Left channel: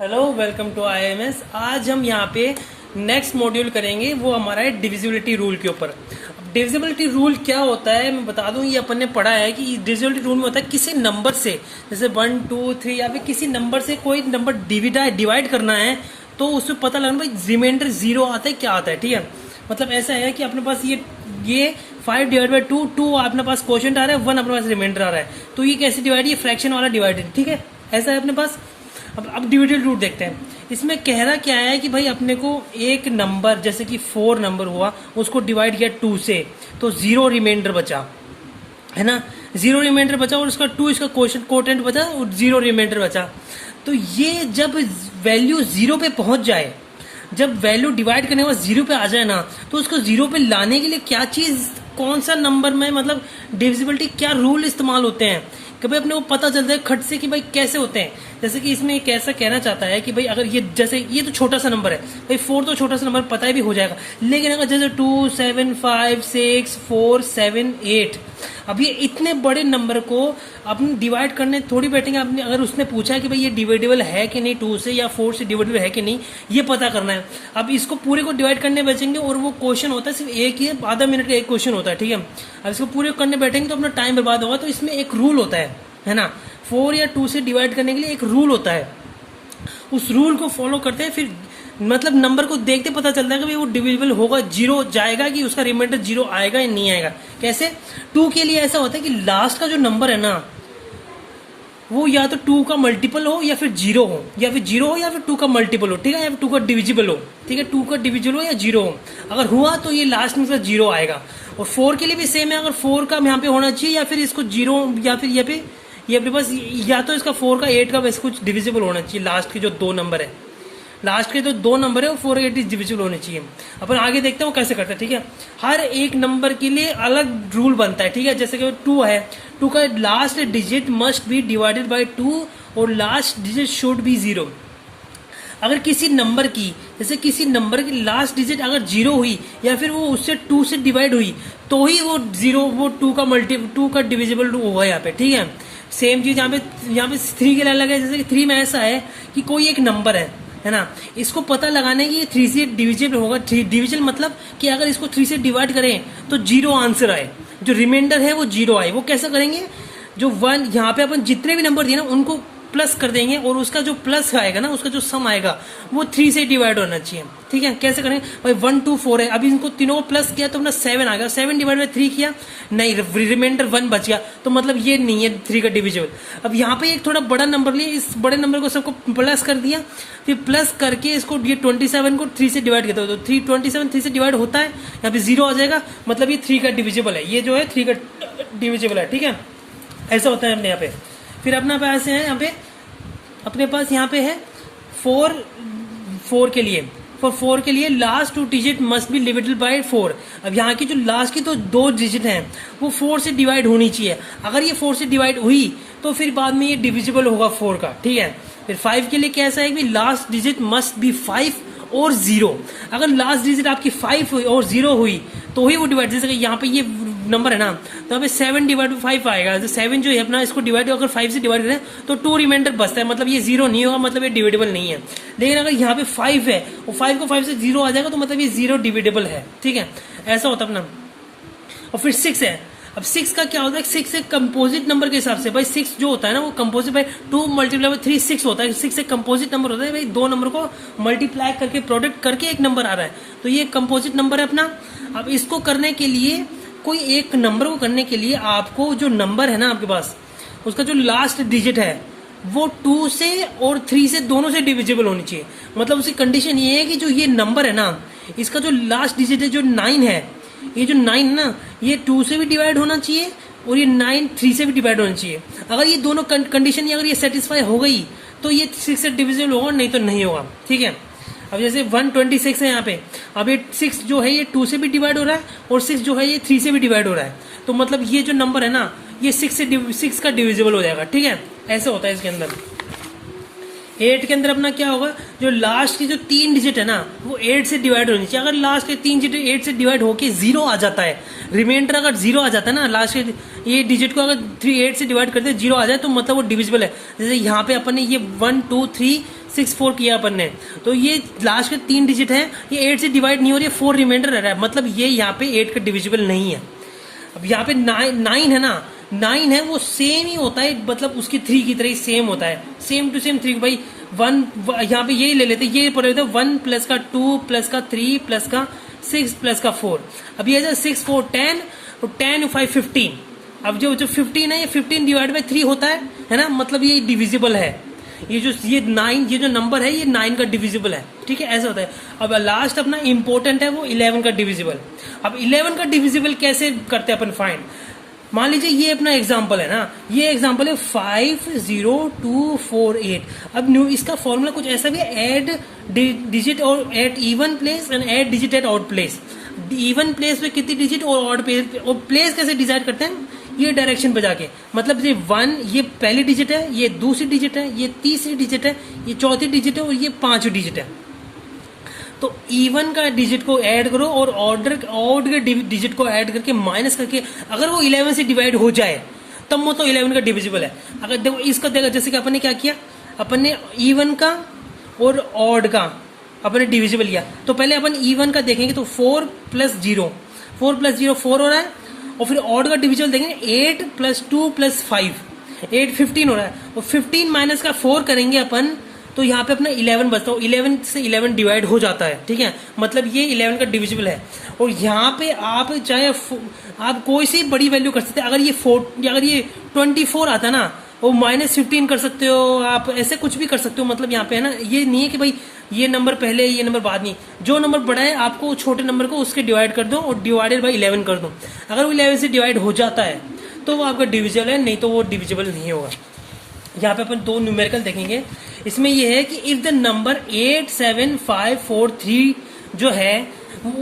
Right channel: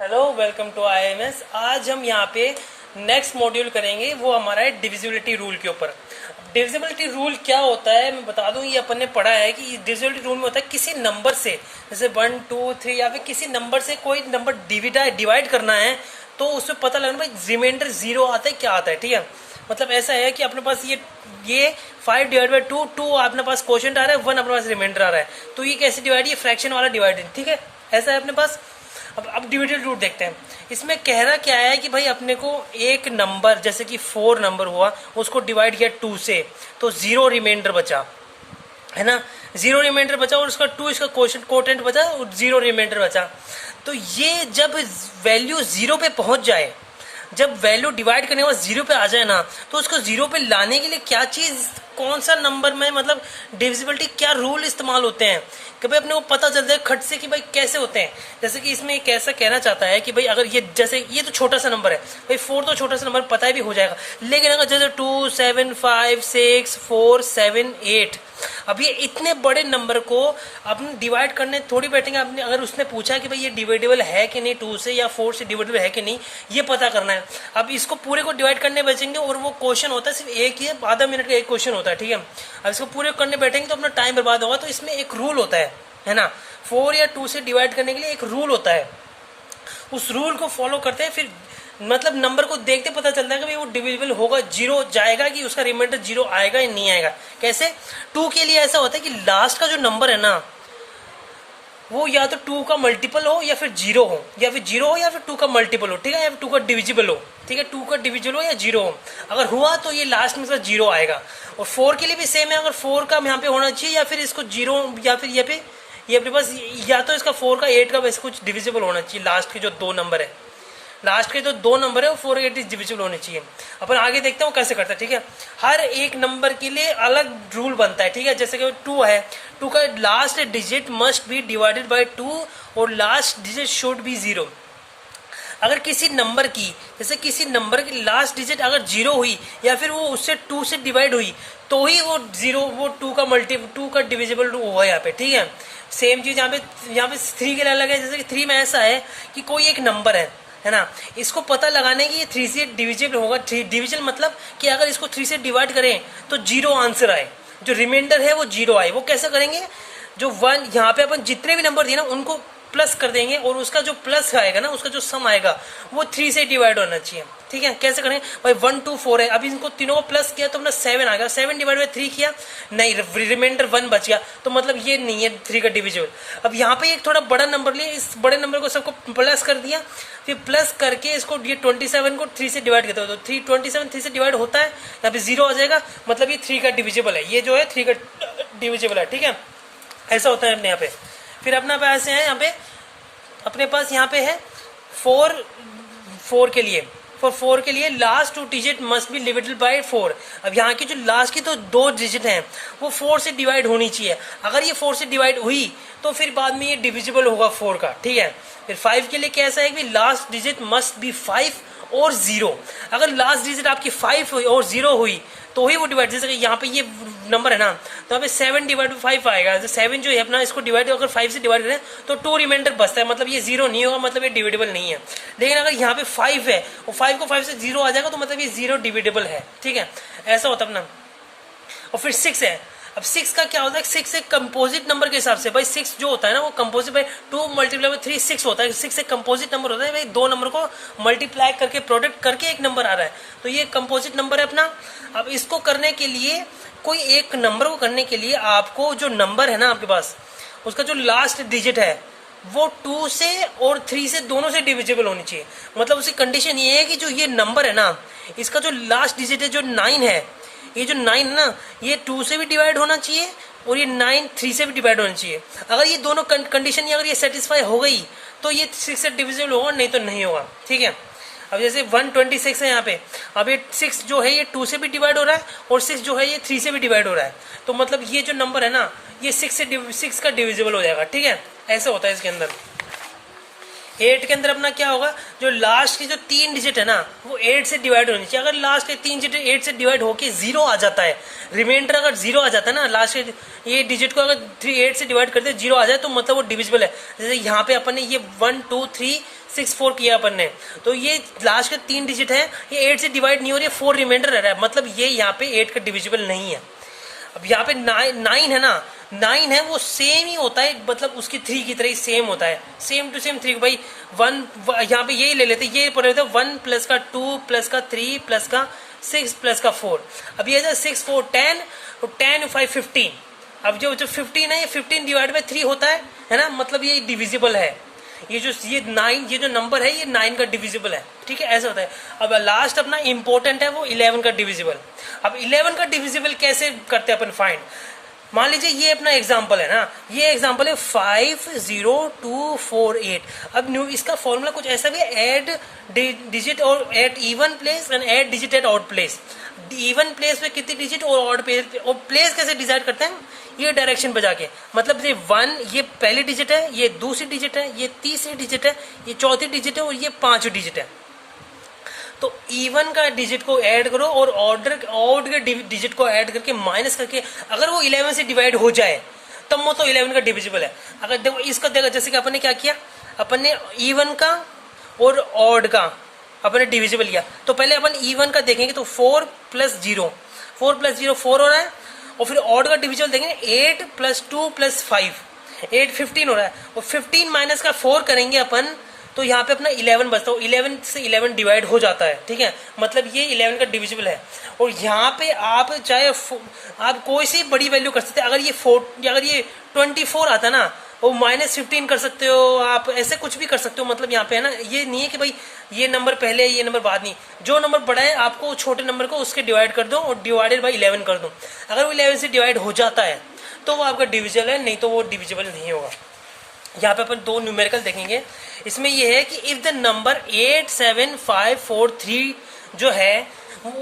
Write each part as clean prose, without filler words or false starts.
Hello, welcome to IMS. आज हम यहाँ पे नेक्स्ट मॉड्यूल करेंगे, वो हमारा है डिविजिबिलिटी रूल के ऊपर। डिविजिबिलिटी रूल क्या होता है मैं बता दूं, ये अपन ने पढ़ा है कि डिविजिबिलिटी रूल में होता है किसी नंबर से, जैसे 1 2 3 या फिर किसी नंबर से कोई नंबर डिवाइड करना है तो उसमें पता लगना भाई रिमाइंडर 0 आता है क्या आता है। ठीक है, मतलब ऐसा है कि अपने पास ये 5/2 2 अपने पास क्वोशिएंट आ रहा है, 1 अपने पास रिमाइंडर आ रहा है, तो ये कैसे डिवाइड, ये फ्रैक्शन वाला डिवाइडेड। ठीक है, ऐसा है अपने पास। अब डिविजन रूट देखते हैं। इसमें कह रहा क्या है कि भाई अपने को एक नंबर जैसे कि 4 नंबर हुआ, उसको डिवाइड किया 2 से, तो 0 रिमाइंडर बचा, है ना। 0 रिमाइंडर बचा और उसका 2 इसका कोटेंट बचा और 0 रिमाइंडर बचा। तो ये जब वैल्यू 0 पे पहुंच जाए, जब वैल्यू डिवाइड करने के बाद 0 पे आ जाए ना, तो उसको 0 पे लाने के लिए क्या चीज, कौन सा नंबर में, मतलब डिविजिबिलिटी क्या रूल इस्तेमाल होते हैं, कभी अपने को पता चलता है खट से कि भाई कैसे होते हैं। जैसे कि इसमें एक ऐसा कहना चाहता है कि भाई अगर ये जैसे ये तो छोटा सा नंबर है भाई, 4 तो छोटा सा नंबर पता भी हो जाएगा, लेकिन अगर जैसे 2 7 5 6 4 7 8, अब ये इतने बड़े नंबर को अपने डिवाइड करने थोड़ी बैठेंगे। आपने अगर उसने पूछा कि भाई ये डिवाइडेबल है कि नहीं 2 से या 4 से डिवाइडेबल है कि नहीं, ये पता करना है। अब इसको पूरे को डिवाइड करने बैठेंगे और वो क्वेश्चन होता है सिर्फ एक ही, आधा मिनट का एक क्वेश्चन होता है। ठीक है, अब इसको पूरे करने बैठेंगे तो अपना टाइम बर्बाद होगा। तो इसमें एक रूल होता है ना, 4 या 2 से डिवाइड करने के लिए एक रूल होता है, उस रूल को फॉलो करते हैं, फिर मतलब नंबर को देखते पता चलता है कि भाई वो डिविजिबल होगा, 0 जाएगा कि उसका रिमाइंडर 0 आएगा या नहीं आएगा। कैसे? 2 के लिए ऐसा होता है कि लास्ट का जो नंबर है ना, वो या तो 2 का मल्टीपल हो या फिर 0 हो, या फिर 0 हो या फिर 2 का मल्टीपल हो। ठीक है, या फिर 2 का डिविजिबल हो। ठीक है, 2 का डिविजिबल हो या 0 हो, अगर हुआ तो ये लास्ट में इसका 0 आएगा। और 4 के लिए भी सेम है, अगर 4 का यहाँ पे होना चाहिए या फिर इसको 0, या फिर ये अपने पास या तो इसका 4 का 8 का वैसे कुछ डिविजिबल होना चाहिए। लास्ट के जो 2 नंबर है, लास्ट के जो 2 नंबर है वो 4 8 डिविजिबल होने चाहिए। अपन आगे देखते हैं वो कैसे करता है। ठीक है, हर एक नंबर के लिए अलग रूल बनता है। ठीक है, जैसे कि 2 है, 2 का last digit must be divided by 2 और लास्ट डिजिट शुड बी 0। अगर किसी नंबर की, जैसे किसी नंबर की लास्ट डिजिट अगर 0 हुई या फिर वो उससे 2 से डिवाइड हुई, तो ही वो 0 वो 2 का डिविजिबल हुआ यहाँ पे। ठीक है, सेम चीज यहाँ पे 3 के लिए अलग है। जैसे कि 3 में ऐसा है कि कोई एक नंबर है ना, इसको पता लगाने की 3 से डिविजिबल होगा। 3 डिविजन मतलब कि अगर इसको 3 से डिवाइड करें तो 0 आंसर आए, जो रिमाइंडर है वो 0 आए। वो कैसे करेंगे, जो 1 यहाँ पे अपन जितने भी नंबर दिए ना उनको प्लस कर देंगे और उसका जो प्लस आएगा ना, उसका जो सम आएगा वो 3 से डिवाइड होना चाहिए। ठीक है, कैसे करेंगे भाई, 1 2 4 है, अभी इनको तीनों को प्लस किया तो अपना 7 आ गया, 7 डिवाइड बाय 3 किया, नहीं रिमाइंडर 1 बच गया, तो मतलब ये नहीं है 3 का डिविजिबल। अब यहाँ पे एक थोड़ा बड़ा नंबर लिया, इस बड़े नंबर को सबको प्लस कर दिया, फिर प्लस करके इसको ये 27 को 3 से डिवाइड करते हो, तो 27 3 से डिवाइड होता है, यहाँ पे 0 आ जाएगा, मतलब ये 3 का डिविजिबल है, ये जो है 3 का डिविजिबल है। ठीक है, ऐसा होता है अपने यहाँ पे। फिर अपना पास है यहाँ पे, अपने पास यहाँ पे है 4 के लिए, फॉर 4 के लिए last 2 digit must be divided by 4। अब यहाँ की जो लास्ट की तो 2 डिजिट हैं वो 4 से डिवाइड होनी चाहिए। अगर ये 4 से डिवाइड हुई तो फिर बाद में ये डिविजिबल होगा 4 का। ठीक है, फिर 5 के लिए कैसा है कि लास्ट डिजिट मस्ट बी 5 और 0। अगर लास्ट डिजिट आपकी 5 और 0 हुई तो ही वो डिवाइड, जैसे यहाँ पे ये नंबर है ना, तो यहाँ पे 7 डिवाइड बाई 5 आएगा। तो 7 जो है अपना, इसको डिवाइड अगर 5 से डिवाइड करें तो 2 रिमाइंडर बचता है, मतलब ये 0 नहीं होगा, मतलब ये डिविडेबल नहीं है। लेकिन अगर यहाँ पे 5 है और 5 को 5 से 0 आ जाएगा तो मतलब ये 0 डिविडेबल है। ठीक है, ऐसा होता है अपना। और फिर 6 है, अब 6 का क्या होता है, 6 एक कंपोजिट नंबर के हिसाब से, भाई 6 जो होता है ना वो कंपोजिट बाई 2 मल्टीप्लाई बाई 3 6 होता है। 6 एक कंपोजिट नंबर होता है भाई, 2 नंबर को मल्टीप्लाई करके प्रोडक्ट करके एक नंबर आ रहा है, तो ये कंपोजिट नंबर है अपना। अब इसको करने के लिए, कोई एक नंबर को करने के लिए आपको जो नंबर है ना आपके पास, उसका जो लास्ट डिजिट है वो 2 से और 3 से दोनों से डिविजिबल होनी चाहिए। मतलब उसकी कंडीशन ये है कि जो ये नंबर है ना, इसका जो लास्ट डिजिट है जो 9 है, ये जो 9 है ना, ये 2 से भी डिवाइड होना चाहिए और ये 9 3 से भी डिवाइड होना चाहिए। अगर ये दोनों कंडीशन अगर ये सेटिस्फाई हो गई तो ये 6 से डिविजिबल होगा, नहीं तो नहीं होगा। ठीक है, अब जैसे 126 है यहाँ पे, अब ये 6 जो है ये 2 से भी डिवाइड हो रहा है और 6 जो है ये 3 से भी डिवाइड हो रहा है, तो मतलब ये जो नंबर है ना ये 6 का डिविजिबल हो जाएगा। ठीक है, ऐसा होता है इसके अंदर। 8 के अंदर अपना क्या होगा, जो लास्ट की जो 3 डिजिट है ना वो 8 से डिवाइड होनी चाहिए। अगर लास्ट के 3 डिजिट 8 से डिवाइड होके 0 आ जाता है, रिमाइंडर अगर 0 आ जाता है ना, लास्ट के ये डिजिट को अगर 8 से डिवाइड करते 0 आ जाए तो मतलब वो डिविजिबल है। जैसे यहाँ पे अपन ने ये 1 2 3 4 किया अपन ने, तो ये लास्ट के 3 डिजिट है, ये 8 से डिवाइड नहीं हो रही है, 4 रिमाइंडर रह रहा है, मतलब ये यहाँ पे 8 का डिविजिबल नहीं है। अब यहाँ पे 9 है ना, 9 है वो सेम ही होता है, मतलब उसकी 3 की तरह ही सेम होता है, सेम टू सेम 3 भाई 1 यहाँ पे यही ले लेते, ये पढ़ लेते 1 प्लस का 2 प्लस का 3 प्लस का 6 प्लस का 4। अब ये 6 4 10, तो 10 5 15। अब जो 15 है ये 15 डिवाइड बाई 3 होता है ना, मतलब ये डिविजिबल है। ये 9 ये जो नंबर है ये 9 का डिविजिबल है, ठीक है, ऐसा होता है। अब लास्ट अपना इंपॉर्टेंट है वो 11 का डिविजिबल। अब 11 का डिविजिबल कैसे करते हैं अपन फाइंड। मान लीजिए ये अपना एग्जांपल है ना, ये एग्जांपल है 50248। अब इसका फॉर्मूला कुछ ऐसा भी है, ऐड डिजिट और at even place and add digit at odd place. Even place पे कितनी डिजिट और ऑड प्लेस कैसे डिसाइड करते हैं, ये डायरेक्शन पे जाके, मतलब ये 1 ये पहली डिजिट है, ये दूसरी डिजिट है, ये तीसरी डिजिट है, ये चौथी डिजिट है और ये 5वीं डिजिट है। तो इवन का डिजिट को ऐड करो और ऑड के डिजिट को ऐड करके माइनस करके, अगर वो 11 से डिवाइड हो जाए तब वो तो 11 का डिविजिबल है। अगर देखो इसका देखो, जैसे कि अपन ने क्या किया, अपन ने इवन का और ऑड का अपन ने डिविजिबल लिया, तो पहले अपन इवन का देखेंगे तो 4 प्लस 0 4 हो रहा है, और फिर ऑड का डिविजिबल देखेंगे 8 प्लस 2 प्लस 5 8 15 हो रहा है, और 15 माइनस का 4 करेंगे अपन, तो यहाँ पे अपना 11 बचता है, 11 से 11 डिवाइड हो जाता है, ठीक है, मतलब ये 11 का डिविजिबल है। और यहाँ पे आप चाहे आप कोई सी बड़ी वैल्यू कर सकते हैं, अगर ये 24 आता ना, वो -15 कर सकते हो आप, ऐसे कुछ भी कर सकते हो, मतलब यहाँ पे है ना, ये नहीं है कि भाई ये नंबर पहले ये नंबर बाद, नहीं, जो नंबर बड़ा है आपको छोटे नंबर को उसके डिवाइड कर दो और डिवाइडेड बाई 11 कर दो। अगर वो 11 से डिवाइड हो जाता है तो वो आपका डिविजिबल है, नहीं तो वो डिविजिबल नहीं होगा। यहाँ पे अपन 2 न्यूमेरिकल देखेंगे, इसमें ये है कि इफ द नंबर 87543 जो है,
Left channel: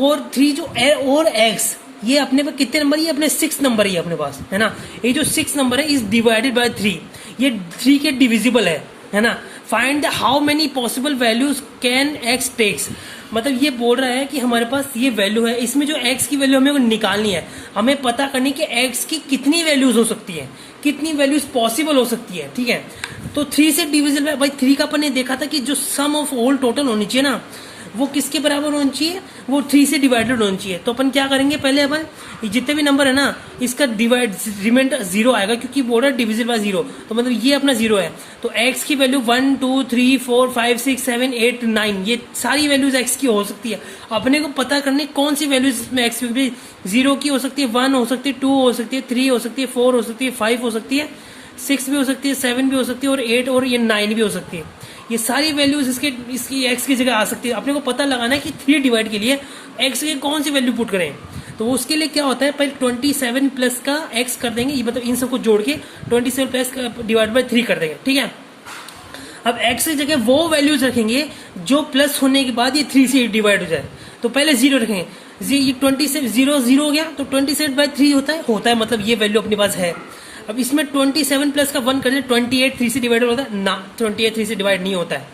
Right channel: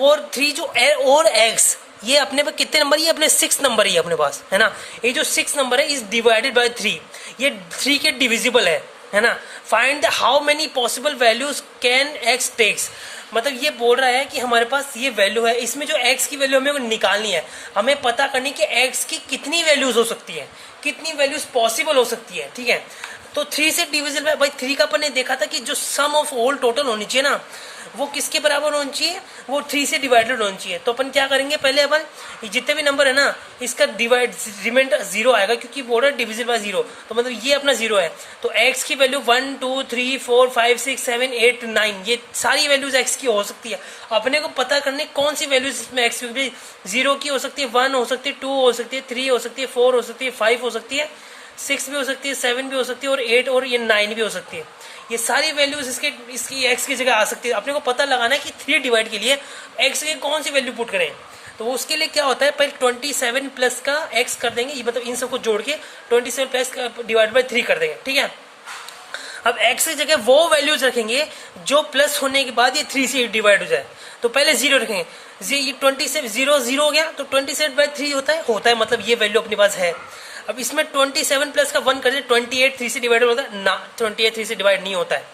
और 3 जो है और एक्स, ये अपने पे कितने नंबर, ये अपने 6 नंबर ही अपने पास है ना, ये जो 6 नंबर है इज डिवाइडेड बाय 3, ये 3 के डिविजिबल है ना। Find the how many possible values can X takes, मतलब ये बोल रहा है कि हमारे पास ये वैल्यू है, इसमें जो एक्स की वैल्यू हमें निकालनी है, हमें पता करनी कि एक्स की कितनी वैल्यूज हो सकती है, कितनी वैल्यूज पॉसिबल हो सकती है, ठीक है। तो 3 से डिविजिबल भाई 3 का अपन ने देखा था कि जो सम ऑफ होल टोटल होनी चाहिए ना, वो किसके बराबर होनी चाहिए, वो 3 से डिवाइडेड होनी चाहिए। तो अपन क्या करेंगे, पहले अपन जितने भी नंबर है ना इसका डिवाइड रिमाइंडर 0 आएगा, क्योंकि बॉर्डर डिविजिबल बाय 0, तो मतलब ये अपना 0 है। तो x की वैल्यू 1 2 3 4 5 6 7 8 9, ये सारी वैल्यूज x की हो सकती है। अपने को पता करने कौन सी वैल्यूज में x की 0 की हो सकती है, 1 हो सकती है, 2 हो सकती है, 3 हो सकती है, 4 हो सकती है, 5 हो सकती है, 6 भी हो सकती है, 7 भी हो सकती है, और 8 और ये 9 भी हो सकती है। ये सारी वैल्यूज इसकी x की जगह आ सकती है। अपने को पता लगाना है कि 3 डिवाइड के लिए x की कौन सी वैल्यू पुट करें। तो उसके लिए क्या होता है, पहले 27 प्लस का x कर देंगे, ये मतलब इन सबको जोड़ के 27 प्लस का डिवाइड बाय 3 कर देंगे, ठीक है। अब x की जगह वो वैल्यूज रखेंगे जो प्लस होने के बाद ये 3 से डिवाइड हो जाए। तो पहले 0 रखेंगे, ये 27 0 हो गया, तो 27 बाय 3 होता है, मतलब ये वैल्यू अपने पास है। अब इसमें 27 प्लस का 1 कर दें, 28 3 से डिवाइड होता है ना, 28 3 से डिवाइड नहीं होता है।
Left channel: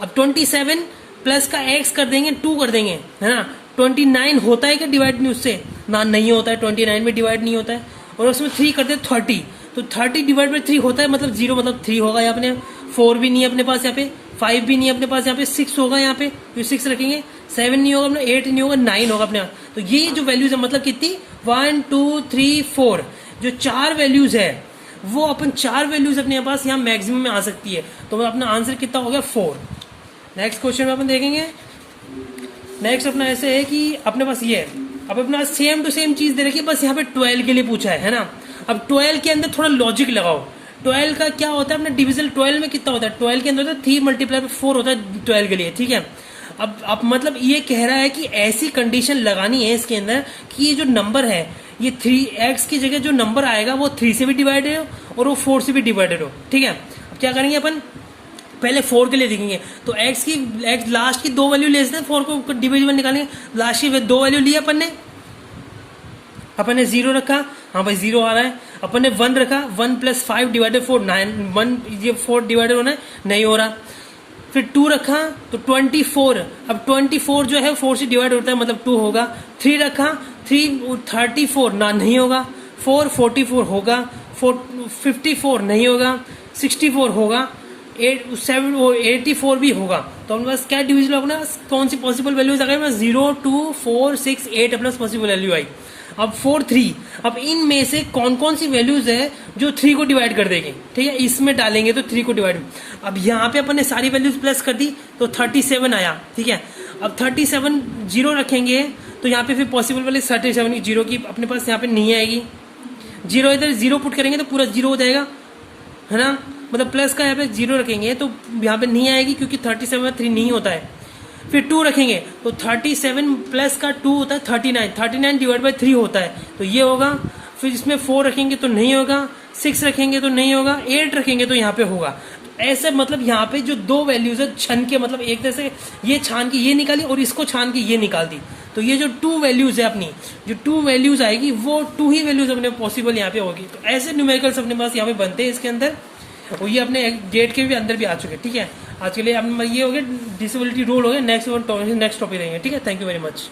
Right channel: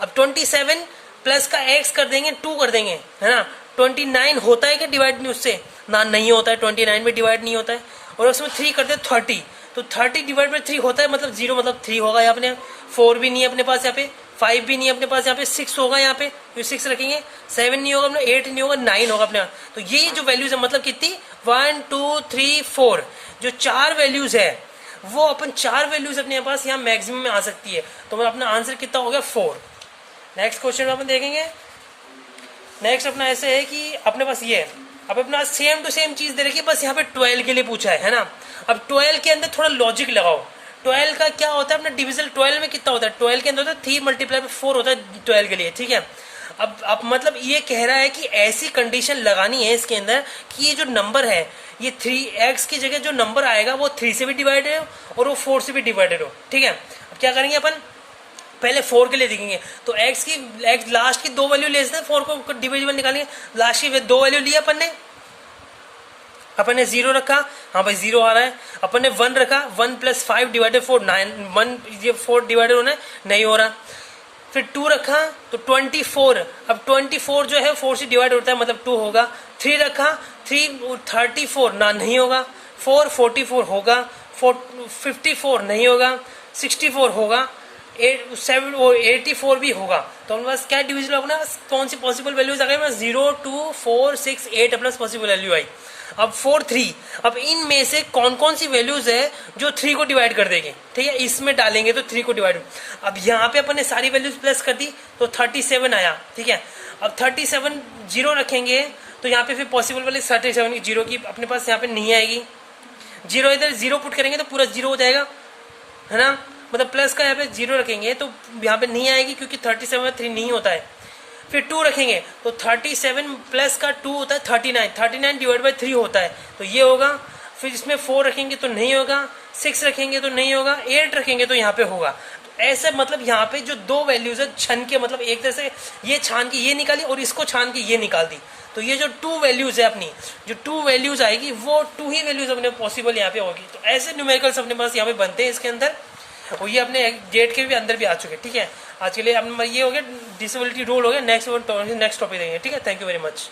अब 27 प्लस का x कर देंगे, 2 कर देंगे, है ना। 29 होता है क्या डिवाइड नहीं उससे ना, नहीं होता है, 29 में डिवाइड नहीं होता है। और उसमें 3 कर दे 30, तो 30 डिवाइड बाय 3 होता है, मतलब 0, मतलब 3 होगा यहाँ पे। 4 भी नहीं है अपने पास यहाँ पे, 5 भी नहीं है अपने पास यहाँ पे, 6 होगा यहाँ पे, तो 6 रखेंगे, 7 नहीं होगा अपने, 8 नहीं होगा, 9 होगा अपने। तो ये जो वैल्यूज है मतलब कितनी 1 2 3 4, जो 4 वैल्यूज है वो अपन 4 वैल्यूज अपने पास यहाँ मैक्सिमम में आ सकती है। तो अपना आंसर कितना हो गया 4। नेक्स्ट क्वेश्चन में अपन देखेंगे, नेक्स्ट अपना ऐसे है कि अपने पास ये है, अब अपना सेम टू सेम चीज दे रखी है, बस यहाँ पे 12 के लिए पूछा है ना। अब 12 के अंदर थोड़ा लॉजिक लगाओ। 12 का क्या होता है अपना डिविजन, 12 में कितना होता है, 12 के अंदर होता है 3 × 4 होता है 12 के लिए, ठीक है। अब मतलब ये कह रहा है कि ऐसी कंडीशन लगानी है इसके अंदर कि ये जो नंबर है ये 3x की जगह जो नंबर आएगा वो 3 से भी डिवाइडेड हो और वो 4 से भी डिवाइडेड हो, ठीक है। अब क्या करेंगे अपन, पहले 4 के लिए देखेंगे, तो x लास्ट की 2 वैल्यू ले लेते हैं, 4 को डिविजिबल निकालेंगे, लास्ट की 2 वैल्यू लिया अपन ने 0 रखा, हाँ भाई 0 आ रहा है। अपन ने 1 रखा, 1 + 5 / 4 9, 1 ये 4 डिवाइडेड होना है, नहीं हो रहा। फिर 2 रखा तो 24, अब 24 जो है 4 से डिवाइड होता है, मतलब 2 होगा। 3 रखा, 3 34 ना, नहीं होगा। 4 44 होगा, 54 नहीं होगा, 64 होगा। 84 भी होगा, तो हमारे पास क्या डिविजिबल होगा, कौन सी पॉसिबल वैल्यूज आ गई, 0, 2, 4, 6, 8 प्लस पॉसिबल वैल्यू आई। अब 4, 3, अब इनमें से कौन कौन सी वैल्यूज है जो 3 को डिवाइड कर देंगे, ठीक है, इसमें डालेंगे तो 3 को डिवाइड। अब यहाँ पे अपन ने सारी वैल्यूज प्लस कर दी तो 37 आया, ठीक है। अब 37 जीरो रखेंगे तो यहाँ पे फिर पॉसिबल वाली 37 जीरो की अपने पास यहाँ पे नहीं आएगी, जीरो इधर जीरो पुट करेंगे तो पूरा जीरो हो जाएगा, है ना, मतलब प्लस का यहाँ पे जीरो रखेंगे तो यहाँ पे नहीं आएगी क्योंकि 37 में 3 नहीं होता है। फिर 2 रखेंगे तो 37 प्लस का 2 होता है 39, 39 डिवाइड बाई 3 होता है, तो ये होगा। फिर इसमें 4 रखेंगे तो नहीं होगा, 6 रखेंगे तो नहीं होगा, 8 रखेंगे तो यहाँ पे होगा। ऐसे मतलब यहाँ पे जो दो वैल्यूज है छन के, मतलब एक तरह से ये छान के ये निकाली और इसको छान के ये निकाल दी, तो ये जो 2 वैल्यूज है अपनी, जो 2 वैल्यूज आएगी वो 2 ही वैल्यूज अपने पॉसिबल यहाँ पे होगी। तो ऐसे न्यूमेरिकल्स अपने पास यहाँ पे बनते हैं इसके अंदर, और ये अपने गेट के भी अंदर भी आ चुके हैं, ठीक है। आज के लिए ये हो गया डिसेबिलिटी रूल हो गया, नेक्स्ट टॉपिक देंगे, ठीक है। Thank you very much.